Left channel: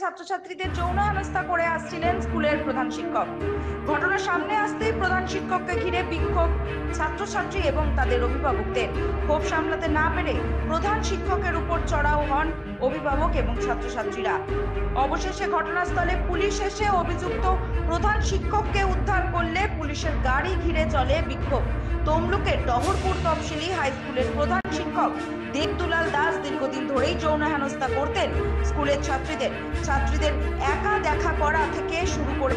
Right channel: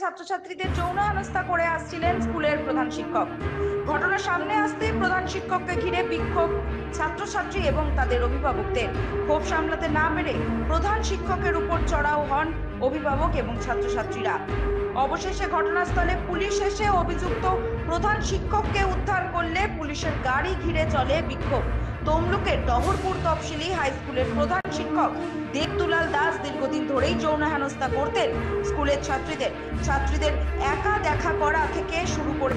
ছাত্রছাত্রীদের যৌন হেনস্থা করে আসছিলেন স্কুলের প্রধান শিক্ষক। ঘটনার সামনে আসতেই প্রধান শিক্ষককে ঘিরে বিক্ষোভ ছাত্রছাত্রী এবং তাদের অভিভাবকদের। ক্ষোভ সামলাতে না পেরে প্রধান শিক্ষকের উপর চড়াও হন অভিভাবক এবং ছাত্রছাত্রীরা। অবশেষে ঘটনাস্থলে পুলিশ এসে অভিযুক্ত প্রধান শিক্ষককে উদ্ধার করলে পুলিশের গাড়ি ঘিরে চলে বিক্ষোভ। তমলুকের ডহরপুর তফসিলি হাই স্কুলের প্রধান শিক্ষক দেবদুলাল দাস দীর্ঘদিন ধরেই যৌন হেনস্থা করতেন স্কুলের ছাত্রীদের একা দেখা করা থেকে শুরু করে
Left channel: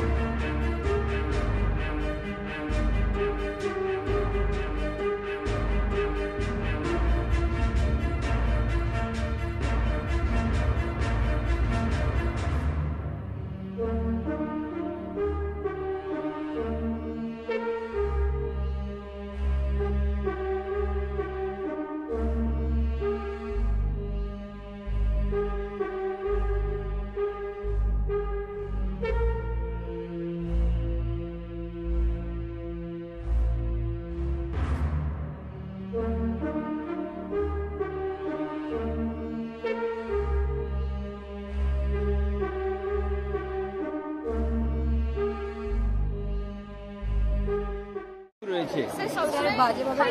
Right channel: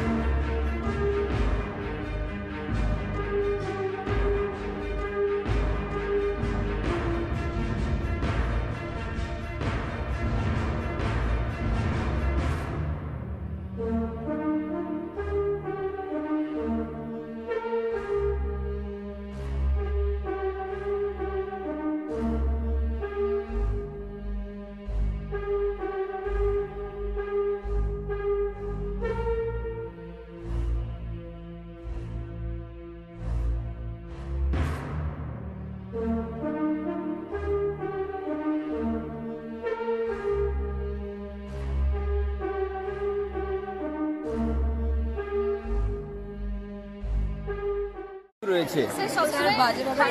বাজেভাবে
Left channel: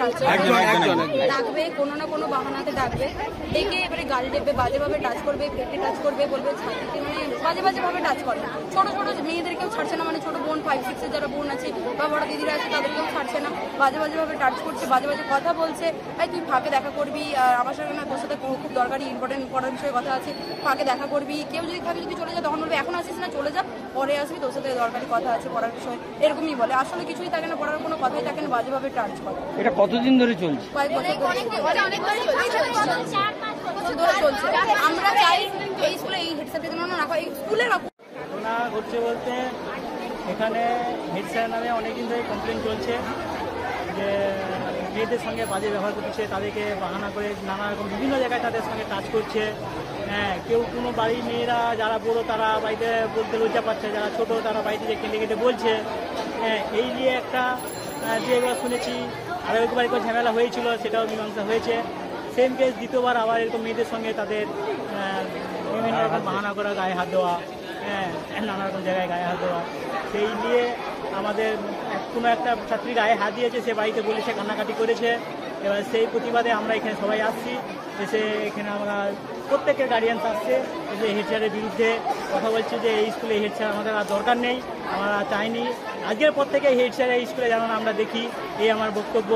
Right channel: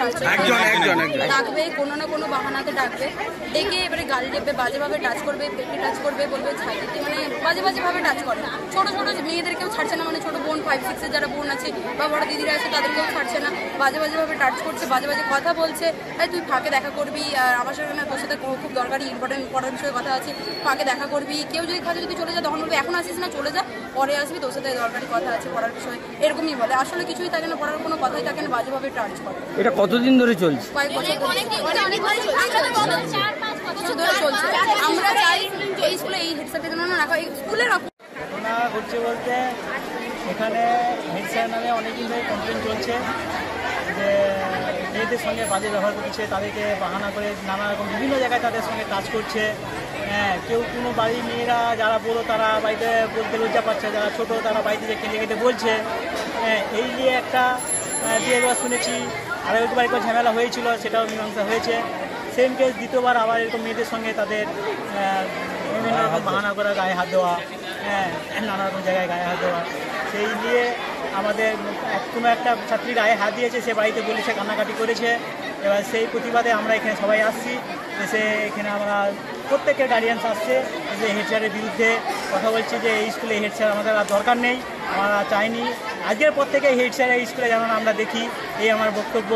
ডাকবে, কোনো না কোনো বাহানাতে ডাকবে, ডেকে এবারে গাল দেবে, বাজেভাবে টাচ করবে, পেটে টাচ করবে, বলবে ছাইতে, মানে বাজেভাবে টাচ করে। ছোট ছোট মেয়েদেরকেও ছাড়ছে না, মানে ছোট বোন 5-6 যারা বোন আছে বা বড় দিদিরা আছে তাদেরকেও ছাড়ছে না, বাজেভাবে টাচ করছে, বাজে কথা বলছে। তুই ফাঁকে দেখা করবি, আর আমার সাথে না তোর সাথে খুব দরকারি ইম্পর্টেন্ট বিষয়ে কথা আছে, ফাঁকে দেখা করবি, কেউ যদি থাকে যদি চলে যা, তখন বলবে এখন আসিস না, চলে যা, পরে আসবি, তোর সাথে দরকারি কথা আছে পড়ার বিষয়, এরকমই বলে। আসলে কিছুই থাকে না, পড়ার কোনো কথাই থাকে না, বাজেভাবে টাচ করে। এটা কতদিন ধরে চলছে? কয়েক বছর ধরে চলছে। আমরা চাই এই স্কুলে এই হেড স্যারকে যেন রাখা, এই স্কুলে ঘটনা ঘটছে বলতে এখানে হেড স্যার নামে অনেকদিন ধরে কমপ্লেন চলছে যে মেয়েদের সঙ্গে বাজে ব্যবহার করছে, তাদেরকে বাহানা করে নানা রকম বিভিন্ন জায়গায় তাদের সঙ্গে টাচ করছে। কেউ কোনো বাড়ির মেয়েরা যারা বড় তারা বাড়িতে বলতে লজ্জা পাচ্ছে, যারা ছোট তারা বাড়িতে যে কেঁদে বলছে। এই নিয়ে একটা দুবার শুনেছি, আরও একবার একবার ঝামেলা হয়েছিল, সেটাও মীমাংসা হয়েছে। সেম কেস দ্বিতীয়বার আবার এরকম মেয়েদের সঙ্গে তাদের বিভিন্ন রকম বাহানা করা, গায়ে হাত দেওয়া, নানা রকম জায়গায় গায়ে হাত দেওয়া। সেই নিয়ে আমাদের কোনো একটা ছাত্রী গায়ে হাত দিয়েছে, সে বাড়িতে বলেছে, কান্নাকাটি করেছে। এবার সেই প্রতিবাদে আমরা এখানে সবাই আসছি, এসে এখানে আমরা প্রত্যেকের গার্ডিয়ানস আসছে, যে হেড স্যারের বিরুদ্ধে কথা বলছি যে এই স্কুলে হেড স্যার আমাদের আর দরকার নেই, আমরা চাইনি। আজকের পর থেকে হেড স্যার এই স্কুলে যেন আমরা দেখি, এই আমার বক্তব্য।